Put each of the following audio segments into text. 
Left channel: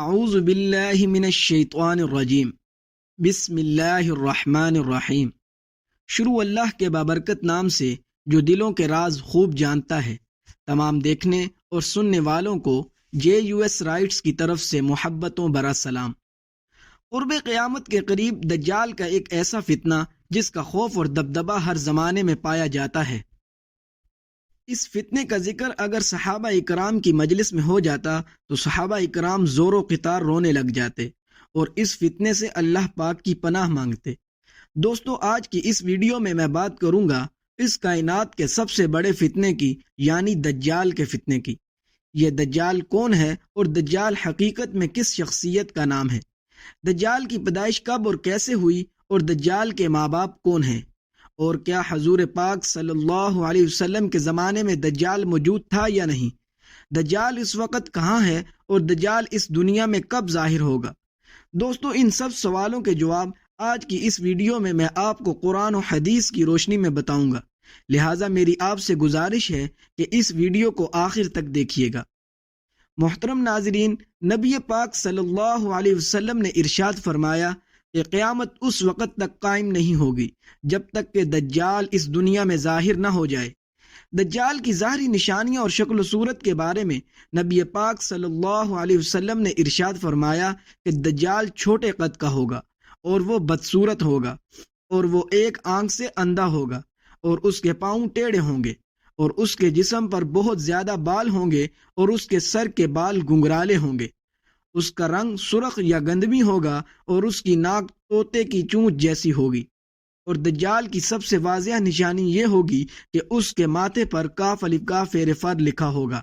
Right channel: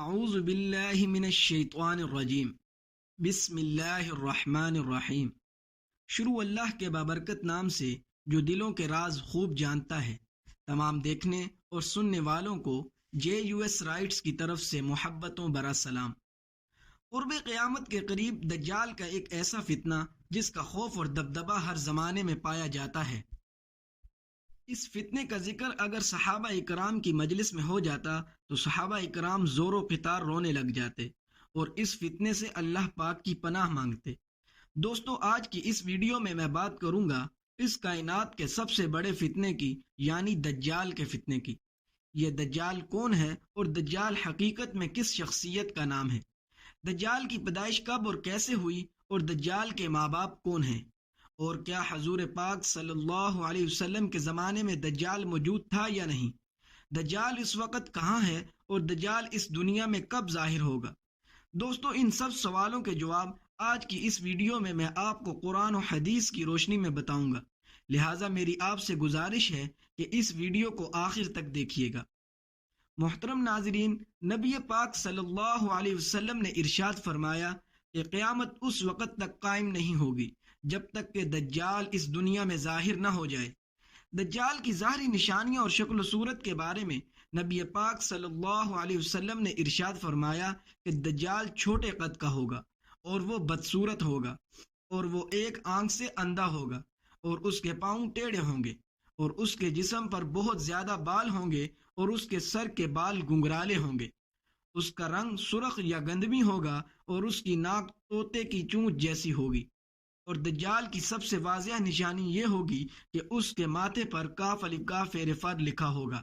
اعوذ باللہ من الشیطان الرجیم بسم اللہ الرحمن الرحیم۔ شروع اللہ کے بابرکت نام سے جو دلوں کے راز خوب جانتا ہے۔ تمام دیکھنے اور سننے والوں کو JUS رائٹس کی طرف سے محبتوں برا سلام۔ قرب قیامت کے قریب دجال کا ایک ایسا فتنہ جس کا خوف اور دبدبہ ہر زمانے میں پایا جاتا ہے۔ اس فتنے کا ذکر اگر صحابہ اکرام کی مجلس میں ہو جاتا تو صحابہ اکرام زور و قطار رونے لگ جاتے اور اس فتنے سے اللہ پاک کی پناہ مانگتے۔ دوستو، آج کی اس ویڈیو میں بات کروں گا اس کائنات کے سب سے بڑے فتنے کی، یعنی دجال کے فتنے کی۔ یہ دجال کون ہے اور دجال حقیقت میں کس شخصیت کا نام ہے؟ دجال کی پیدائش کب اور کیسے ہوئی اور دجال کے ماں باپ کون ہیں؟ اور کیا حضور پاک صلی اللہ علیہ وسلم کے زمانے میں دجال موجود تھا یا نہیں؟ دجال اس وقت کہاں ہے اور دجال اس دنیا میں کب ظاہر ہوگا؟ دوستو، ان سب سوالوں کے جواب آج کی اس ویڈیو میں آپ کو قرآن و حدیث کی روشنی میں بتاؤں گا، لہٰذا میری آپ سے گزارش ہے کہ اس ویڈیو کو آخر تک دیکھیے گا۔ محترم ناظرین، نبی پاک صلی اللہ علیہ وسلم نے ارشاد فرمایا کہ قیامت اس وقت تک قائم نہیں ہوگی جب تک کہ دجال اس دنیا میں ظاہر نہ ہو جائے۔ دجال کی ظاہری نشانیاں اور شکل و صورت کے بارے میں نبی پاک صلی اللہ علیہ وسلم نے ارشاد فرمایا کہ دجال چھوٹے قد کا ہوگا اور وہ بدصورت ہوگا اور وہ ایک آنکھ سے اندھا ہوگا اور اس کے پاؤں ٹیڑھے ہوں گے اور اس کے جسم پر بہت زیادہ بال ہوں گے اور اس کے سر کے بال گنگرالے ہوں گے۔ اس کا رنگ سرخ یا گندمی ہوگا اور اس کی ناک طوطے کی چونچ جیسی ہوگی۔ اور دجال کی سب سے واضح نشانی یہ ہوگی کہ اس کے ماتھے پر کاف الف کاف فیر فر لکھا ہوگا،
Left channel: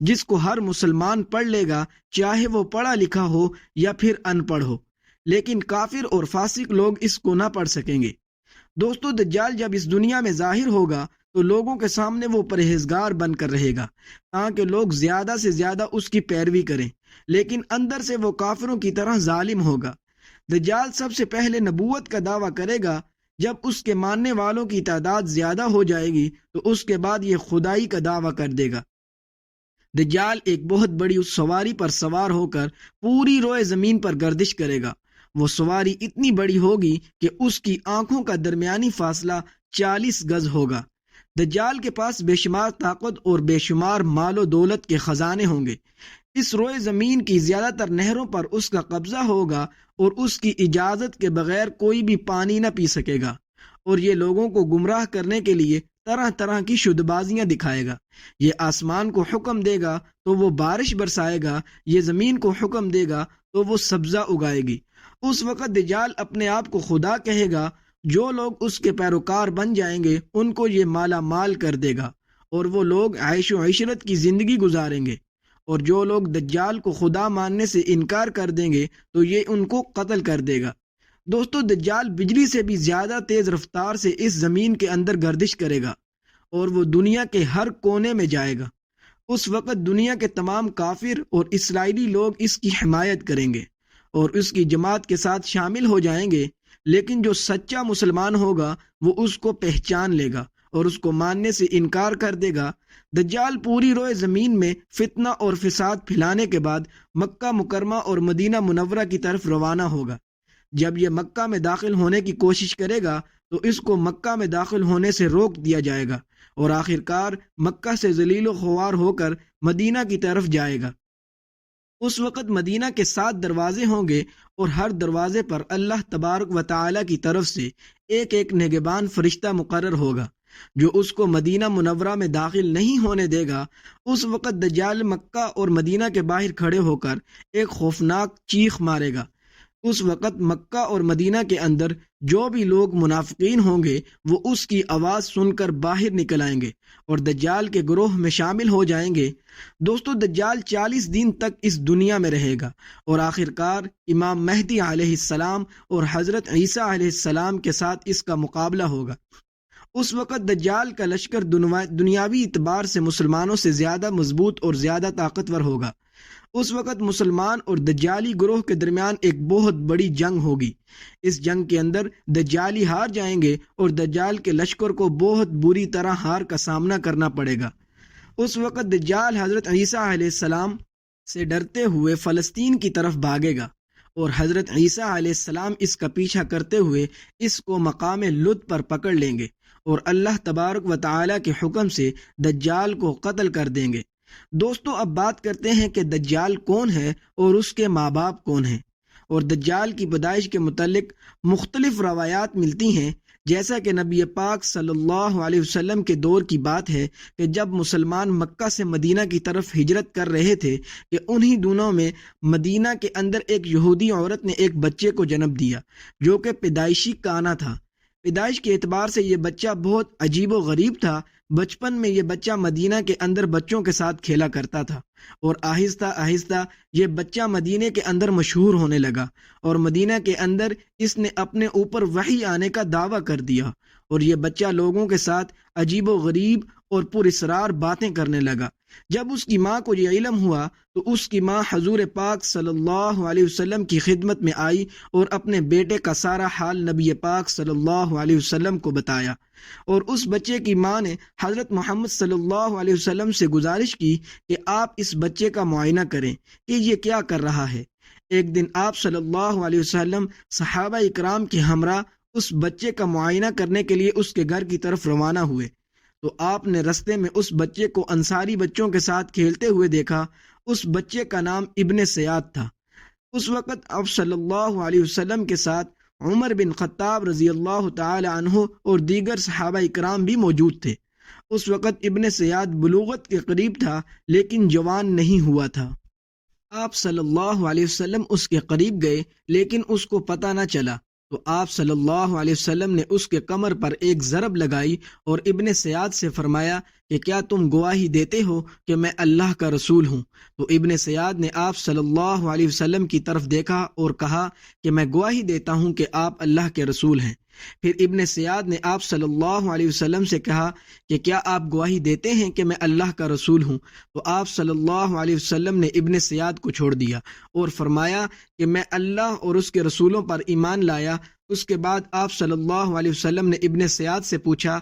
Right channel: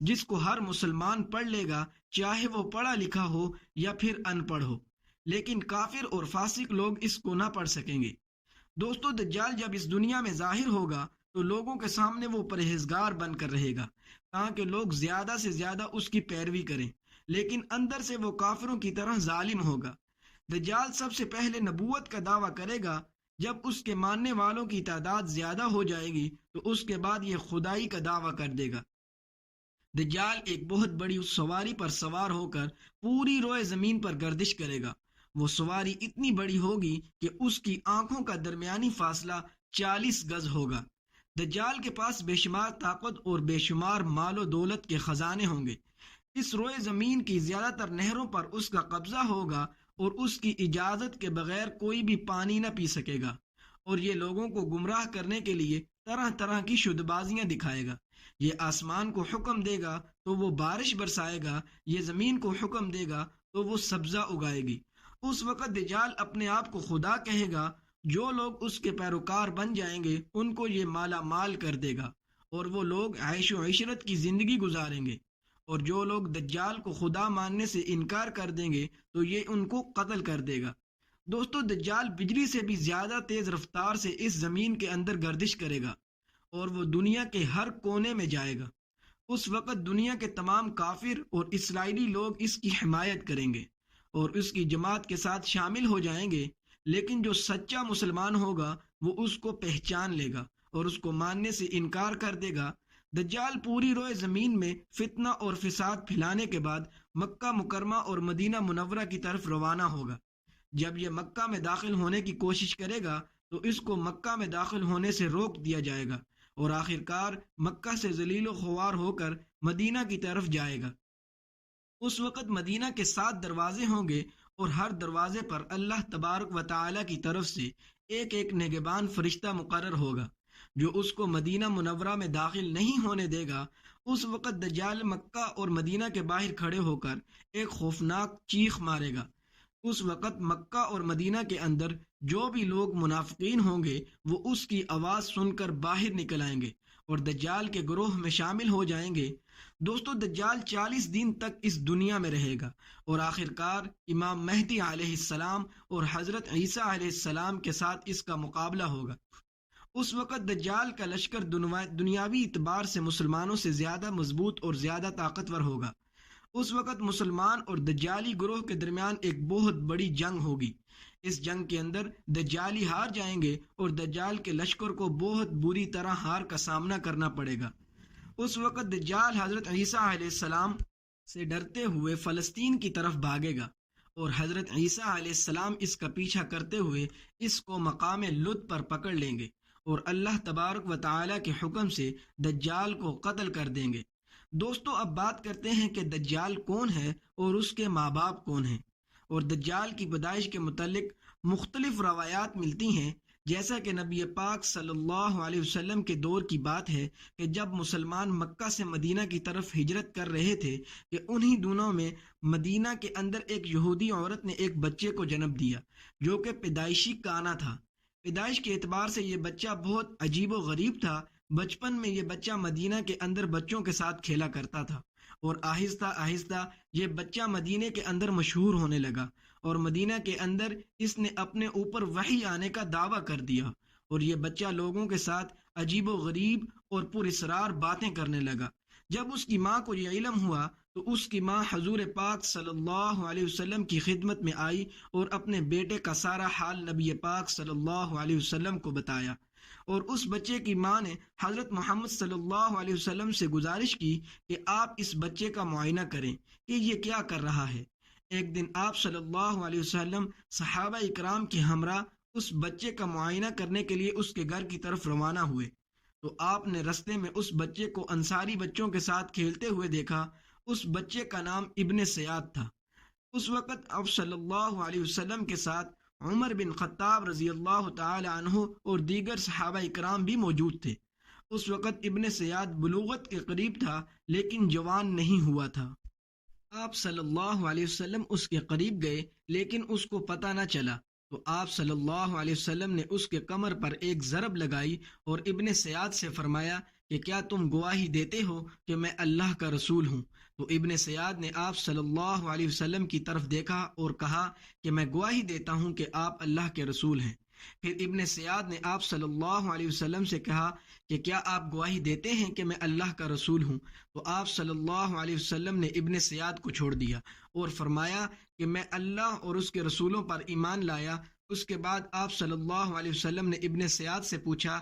جس کو ہر مسلمان پڑھ لے گا، چاہے وہ پڑھا لکھا ہو یا پھر ان پڑھ ہو، لیکن کافر اور فاسق لوگ اس کو نہ پڑھ سکیں گے۔ دوستو، دجال جب اس دنیا میں ظاہر ہوگا تو لوگوں کے سامنے وہ پرہیزگار بن کر رہے گا تاکہ لوگ زیادہ سے زیادہ اس کی پیروی کریں، لیکن اندر سے وہ کافروں کی طرح ظالم ہوگا۔ دجال سب سے پہلے نبوت کا دعویٰ کرے گا۔ جب اس کے ماننے والوں کی تعداد زیادہ ہو جائے گی تو اس کے بعد یہ خدائی کا دعویٰ کر دے گا۔ دجال ایک بہت بڑی اس سواری پر سوار ہو کر پوری روئے زمین پر گردش کرے گا۔ وہ سواری اتنی بڑی ہوگی کہ اس کی آنکھوں کا درمیانی فاصلہ 40 گز ہوگا۔ دجال کے پاس بے شمار طاقت اور بے شمار مال و دولت کے خزانے ہوں گے۔ اس روئے زمین کی زیادہ تر نہروں پر اس کا قبضہ ہوگا اور اس کی اجازت کے بغیر کوئی بھی پانی نہ پی سکے گا، اور یہ لوگوں کو گمراہ کرنے کے لیے طرح طرح کی شد بازیاں دکھائے گا۔ یہ آسمان کو حکم دے گا تو وہ بارش برسائے گا، یہ زمین کو حکم دے گا تو وہ سبزہ اگائے گی۔ اس وقت دجال اپنے آپ کو خدا کہے گا۔ جو لوگ اس کے پیروکار بن جائیں گے ان کو یہ مالا مال کر دے گا اور وہ لوگ عیش و عشرت کی زندگی گزاریں گے، اور جو لوگ دجال کو خدا ماننے سے انکار کر دیں گے تو یہ ان کو قتل کر دے گا۔ دوستو، دجال بجلی سے بھی زیادہ تیز رفتار سے اس زمین کے اندر گردش کرے گا اور وہ دنیا کے ہر کونے میں جائے گا۔ اس وقت دنیا کے تمام کافر اور اسرائیلی لوگ اس کی حمایت کریں گے اور اس کی جماعت کے ساتھ شامل ہو جائیں گے، لیکن جو سچا مسلمان ہوگا وہ اس کو پہچان لے گا اور اس کو ماننے سے انکار کر دے گا۔ دجال پوری روئے زمین میں فتنہ اور فساد پھیلانے کے بعد مکہ مکرمہ اور مدینہ منورہ کی طرف روانہ ہوگا۔ جب یہ مکہ میں داخل ہونے کی کوشش کرے گا تو اس کو مکہ میں داخل ہونے سے روک دیا جائے گا اور آخرکار مکہ سے ذلیل و خوار ہو کر مدینہ کی طرف جائے گا۔ اس وقت مدینہ کے 7 دروازے ہوں گے اور ہر دروازے پر اللہ تبارک و تعالی کی طرف سے ایک ایک نگہبان فرشتہ مقرر ہوگا جو اس کو مدینہ منورہ میں داخل نہیں ہونے دے گا۔ اس وقت دجال مکہ اور مدینہ کے باہر کھڑے ہو کر ایک خوفناک چیخ مارے گا۔ اس وقت مکہ اور مدینہ کے اندر جو بھی لوگ منافقین ہوں گے وہ اس کی آواز سن کر باہر نکل آئیں گے اور دجال کے گروہ میں شامل ہو جائیں گے۔ دوستو، دجال 40 دن تک اس دنیا میں رہے گا اور آخرکار امام مہدی علیہ السلام اور حضرت عیسیٰ علیہ السلام کے ساتھ اس کا مقابلہ ہوگا۔ اس وقت دجال کا لشکر دنیاوی اعتبار سے مسلمانوں سے زیادہ مضبوط اور زیادہ طاقتور ہوگا۔ اس وقت مسلمان اور دجالی گروہ کے درمیان ایک بہت بڑی جنگ ہوگی۔ اس جنگ کے اندر دجالی ہار جائیں گے اور دجال کے لشکر کو بہت بری طرح ہار کا سامنا کرنا پڑے گا۔ اس وقت دجال حضرت عیسیٰ علیہ السلام سے ڈرتے ہوئے فلسطین کی طرف بھاگے گا، اور حضرت عیسیٰ علیہ السلام اس کا پیچھا کرتے ہوئے اس کو مقام لد پر پکڑ لیں گے اور اللہ تبارک و تعالیٰ کے حکم سے دجال کو قتل کر دیں گے۔ دوستو، اب بات کرتے ہیں کہ دجال کون ہے اور اس کے ماں باپ کون ہیں، اور دجال کی پیدائش کے متعلق مختلف روایات ملتی ہیں۔ جیسا کہ نبی پاک صلی اللہ علیہ وسلم کے دور کی بات ہے کہ جب مسلمان مکہ سے مدینہ کی طرف ہجرت کر رہے تھے کہ انہی دنوں میں مدینہ کے اندر ایک یہودی عورت نے ایک بچے کو جنم دیا جو کہ پیدائشی کانا تھا۔ پیدائش کے اعتبار سے یہ بچہ بہت عجیب و غریب تھا۔ بچپن میں یہ بچہ مدینہ کے اندر بچوں کے ساتھ کھیلا کرتا تھا، اور آہستہ آہستہ یہ بچہ مدینہ کے اندر مشہور ہونے لگا، اور مدینہ کے اندر اس نے اپنے اوپر وحی آنے کا دعویٰ کر دیا، اور یہ بچہ لوگوں کے ساتھ عجیب و غریب اور پر اسرار باتیں کرنے لگا۔ جب اس کی ماں کو یہ علم ہوا تو اس کی ماں حضور پاک صلی اللہ علیہ وسلم کی خدمت میں آئی اور اپنے بیٹے کا سارا حال نبی پاک صلی اللہ علیہ وسلم کو بتایا، اور اس بچے کی ماں نے حضرت محمد صلی اللہ علیہ وسلم سے گزارش کی کہ آپ اس بچے کا معائنہ کریں کہ یہ کیا کر رہا ہے۔ ایک دن آپ صلی اللہ علیہ وسلم صحابہ اکرام کے ہمراہ اس بچے کا معائنہ کرنے کے لیے اس کے گھر کی طرف روانہ ہوئے، تو آپ نے رستے میں اس بچے کو انصاری بچوں کے ساتھ کھیلتے ہوئے دیکھا۔ اس بچے کا نام ابن سیاد تھا۔ اس وقت آپ صلی اللہ علیہ وسلم کے ساتھ عمر بن خطاب رضی اللہ تعالی عنہ اور دیگر صحابہ اکرام بھی موجود تھے۔ اس وقت ابن سیاد بلوغت کے قریب تھا لیکن جوان نہیں ہوا تھا۔ آپ صلی اللہ علیہ وسلم اس کے قریب گئے لیکن اس کو پتہ نہ چلا، تو آپ صلی اللہ علیہ وسلم نے اس کے کمر پر ایک ضرب لگائی اور ابن سیاد سے فرمایا کہ کیا تم گواہی دیتے ہو کہ میں اللہ کا رسول ہوں؟ تو ابن سیاد نے آپ صلی اللہ علیہ وسلم کی طرف دیکھا اور کہا کہ میں گواہی دیتا ہوں کہ آپ اللہ کے رسول ہیں۔ پھر ابن سیاد نے آپ صلی اللہ علیہ وسلم سے کہا کہ کیا آپ گواہی دیتے ہیں کہ میں اللہ کا رسول ہوں؟ تو آپ صلی اللہ علیہ وسلم نے ابن سیاد کو چھوڑ دیا اور فرمایا کہ میں اللہ اور اس کے رسولوں پر ایمان لایا۔ اس کے بعد آپ صلی اللہ علیہ وسلم نے ابن سیاد سے پوچھا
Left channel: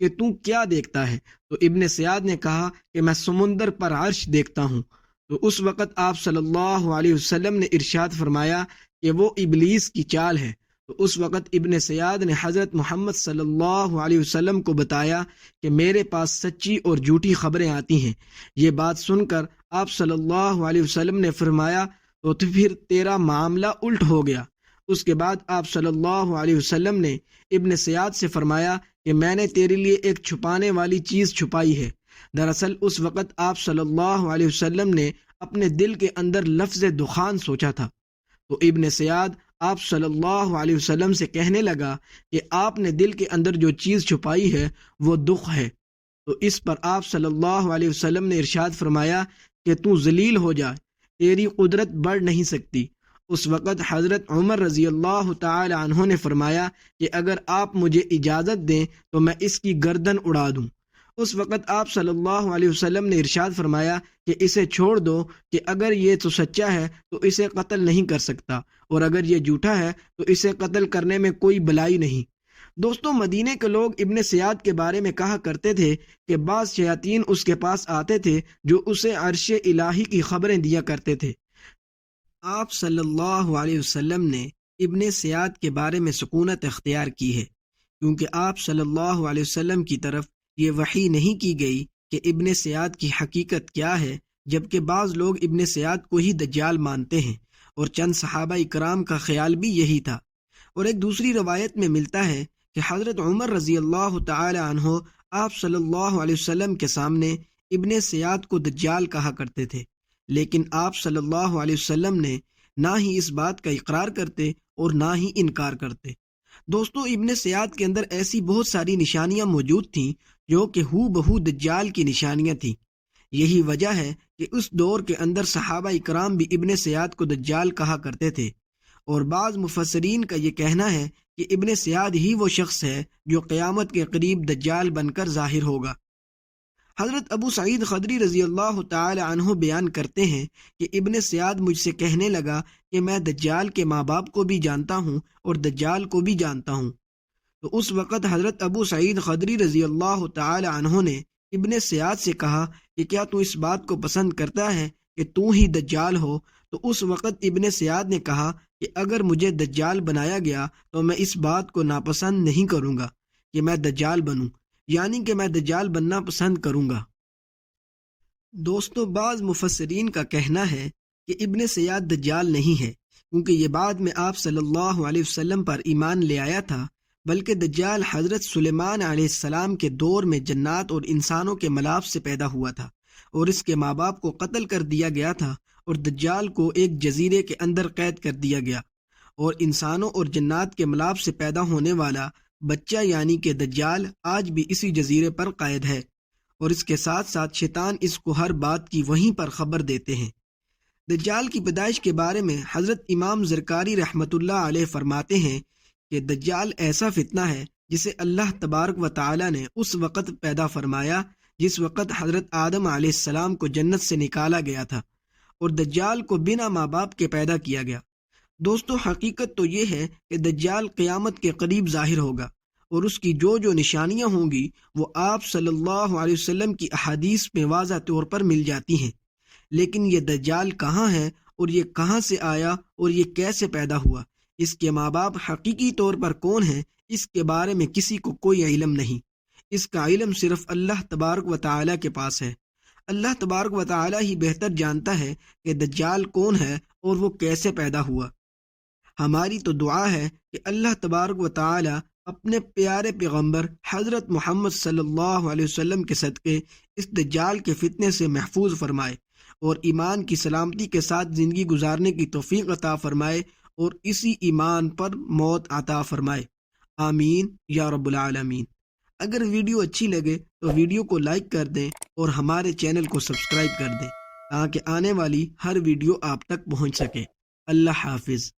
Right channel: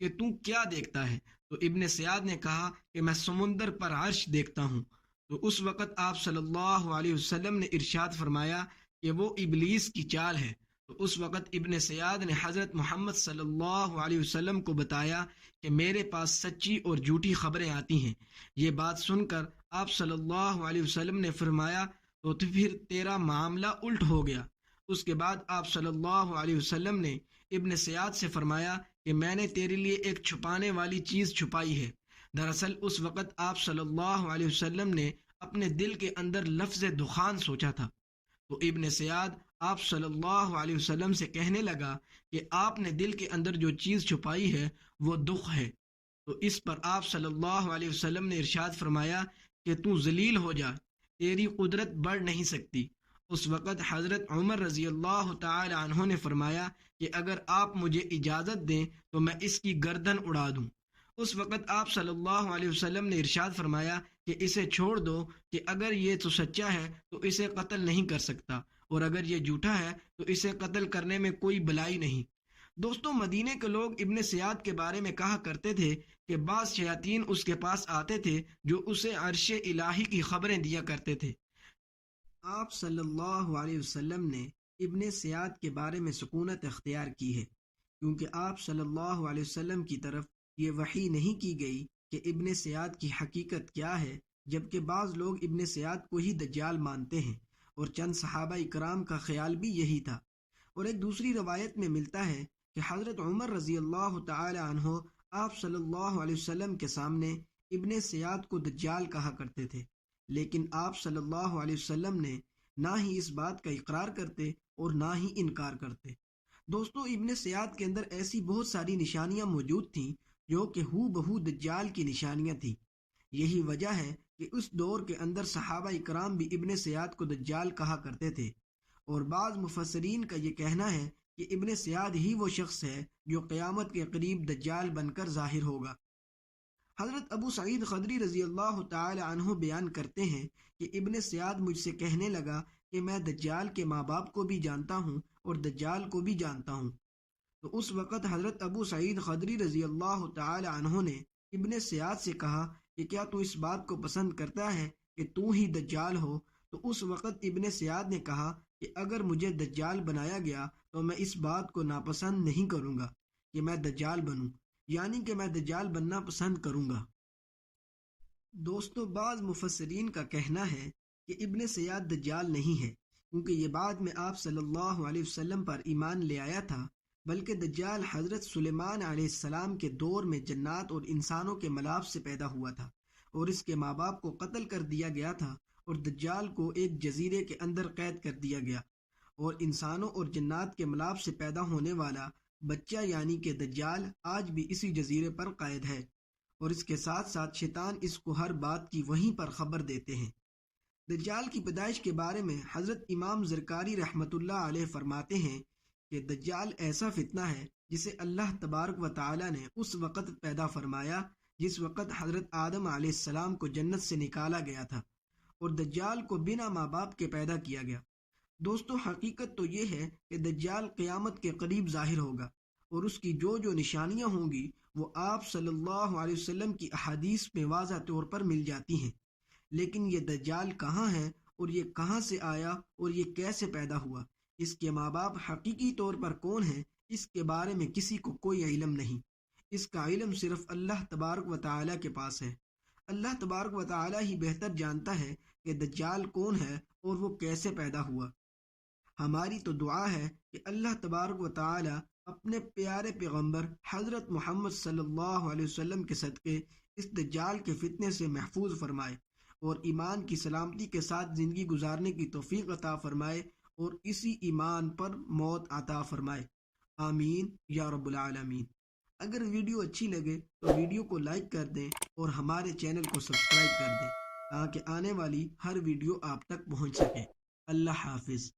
کہ تو کیا دیکھتا ہے؟ تو ابن سیاد نے کہا کہ میں سمندر پر عرش دیکھتا ہوں۔ تو اس وقت آپ صلی اللہ علیہ وسلم نے ارشاد فرمایا کہ وہ ابلیس کی چال ہے۔ تو اس وقت ابن سیاد نے حضرت محمد صلی اللہ علیہ وسلم کو بتایا کہ میرے پاس سچی اور جھوٹی خبریں آتی ہیں۔ یہ بات سن کر آپ صلی اللہ علیہ وسلم نے فرمایا تو پھر تیرا معاملہ الٹ ہو گیا۔ اس کے بعد آپ صلی اللہ علیہ وسلم نے ابن سیاد سے فرمایا کہ میں نے تیرے لیے ایک چھپانے والی چیز چھپائی ہے۔ دراصل اس وقت آپ صلی اللہ علیہ وسلم نے اپنے دل کے اندر لفظ دخان سوچا تھا۔ تو ابن سیاد آپ صلی اللہ علیہ وسلم سے کہنے لگا کہ آپ نے دل کے اندر جو چیز چھپائی ہے وہ دخ ہے۔ تو اس پر آپ صلی اللہ علیہ وسلم نے ارشاد فرمایا کہ تو ذلیل ہو جا، تیری قدرت بڑھ نہیں سکتی۔ اس وقت حضرت عمر رضی اللہ تعالی عنہ نے فرمایا کہ اگر آپ مجھے اجازت دیں تو میں اس کی گردن اڑا دوں۔ اس وقت آپ صلی اللہ علیہ وسلم نے ارشاد فرمایا کہ اسے چھوڑ دو، کہ اگر یہ تو سچا ہے تو اسے قتل نہیں کر سکتا، اور اگر یہ جھوٹا ہے تو اسے قتل کرنے میں کوئی بلائی نہیں۔ دوستوں، مدینے کے لوگ ابن سیاد کے بارے میں کہا کرتے تھے کہ بعض شیاطین اس کے پاس آتے تھے جو اسے عرش الہی کی خبریں دیا کرتے تھے۔ آپ صلی اللہ علیہ وسلم نے ابن سیاد کے بارے میں سکونت اختیار کی ہے، کیونکہ آپ صلی اللہ علیہ وسلم کی طرف یہ وحی نہیں کی گئی کہ ابن سیاد کی حقیقت کیا ہے، جبکہ بعض لوگ ابن سیاد کو ہی دجال مانتے ہیں، اور چند صحابہ اکرام کا خیال بھی یہی تھا۔ اور ایک دوسری روایت میں ملتا ہے کہ حضرت عمر رضی اللہ تعالی عنہ آپ صلی اللہ علیہ وسلم کے سامنے ابن سیاد کو دجال کہا کرتے تھے، لیکن آپ صلی اللہ علیہ وسلم نے نہ ہی اس بات کا اقرار کرتے اور نہ ہی انکار کرتے۔ دوستو، ابن سیاد کے اندر ایسی بہت ساری نشانیاں موجود تھیں جو کہ ہو بہو دجال کی نشانیاں تھیں۔ یہی وجہ ہے کہ اس دور کے اندر صحابہ اکرام بھی ابن سیاد کو دجال کہا کرتے تھے، اور بعض مفسرین کا یہ کہنا ہے کہ ابن سیاد ہی وہ شخص ہے جو قیامت کے قریب دجال بن کر ظاہر ہوگا۔ حضرت ابو سعید خدری رضی اللہ تعالی عنہ بیان کرتے ہیں کہ ابن سیاد مجھ سے کہنے لگا کہ میں دجال کے ماں باپ کو بھی جانتا ہوں اور دجال کو بھی جانتا ہوں۔ تو اس وقت حضرت ابو سعید خدری رضی اللہ تعالی عنہ نے ابن سیاد سے کہا کہ کیا تو اس بات کو پسند کرتا ہے کہ تو ہی دجال ہو، تو اس وقت ابن سیاد نے کہا کہ اگر مجھے دجال بنایا گیا تو میں اس بات کو ناپسند نہیں کروں گا کہ میں دجال بنوں، یعنی کہ میں دجال بننا پسند کروں گا۔ دوستو، بعض مفسرین کا کہنا ہے کہ ابن سیاد دجال نہیں ہے، کیونکہ یہ بعد میں آپ صلی اللہ علیہ وسلم پر ایمان لے آیا تھا، بلکہ دجال حضرت سلیمان علیہ السلام کے دور میں جنات اور انسانوں کے ملاپ سے پیدا ہوا تھا، اور اس کے ماں باپ کو قتل کر دیا گیا تھا، اور دجال کو ایک جزیرے کے اندر قید کر دیا گیا، اور انسانوں اور جنات کے ملاپ سے پیدا ہونے والا بچہ یعنی کہ دجال آج بھی اسی جزیرے پر قید ہے، اور اس کے ساتھ ساتھ شیطان اس کو ہر بات کی وہیں پر خبر دیتے ہیں۔ دجال کی پیدائش کے بارے میں حضرت امام زرکاری رحمۃ اللہ علیہ فرماتے ہیں کہ دجال ایسا فتنہ ہے جسے اللہ تبارک و تعالی نے اس وقت پیدا فرمایا جس وقت حضرت آدم علیہ السلام کو جنت سے نکالا گیا تھا، اور دجال کو بنا ماں باپ کے پیدا کیا گیا۔ دوستو، حقیقت تو یہ ہے کہ دجال قیامت کے قریب ظاہر ہوگا، اور اس کی جو جو نشانیاں ہوں گی وہ آپ صلی اللہ علیہ وسلم کی احادیث میں واضح طور پر مل جاتی ہیں، لیکن یہ دجال کہاں ہے، اور یہ کہاں سے آیا، اور یہ کیسے پیدا ہوا، اس کے ماں باپ حقیقی طور پر کون ہیں، اس کے بارے میں کسی کو کوئی علم نہیں۔ اس کا علم صرف اللہ تبارک و تعالیٰ کے پاس ہے۔ اللہ تبارک و تعالیٰ ہی بہتر جانتا ہے کہ دجال کون ہے اور وہ کیسے پیدا ہوا۔ ہماری تو دعا ہے کہ اللہ تبارک و تعالیٰ اپنے پیارے پیغمبر حضرت محمد صلی اللہ علیہ وسلم کے صدقے اس دجال کے فتنے سے محفوظ فرمائے، اور ایمان کی سلامتی کے ساتھ زندگی گزارنے کی توفیق عطا فرمائے، اور اسی ایمان پر موت عطا فرمائے۔ آمین یا رب العالمین۔ اگر ویڈیو اچھی لگے تو ویڈیو کو لائک کر دیں اور ہمارے چینل کو سبسکرائب کر دیں تاکہ آنے والی ہر ویڈیو آپ تک پہنچ سکے۔ اللہ حافظ۔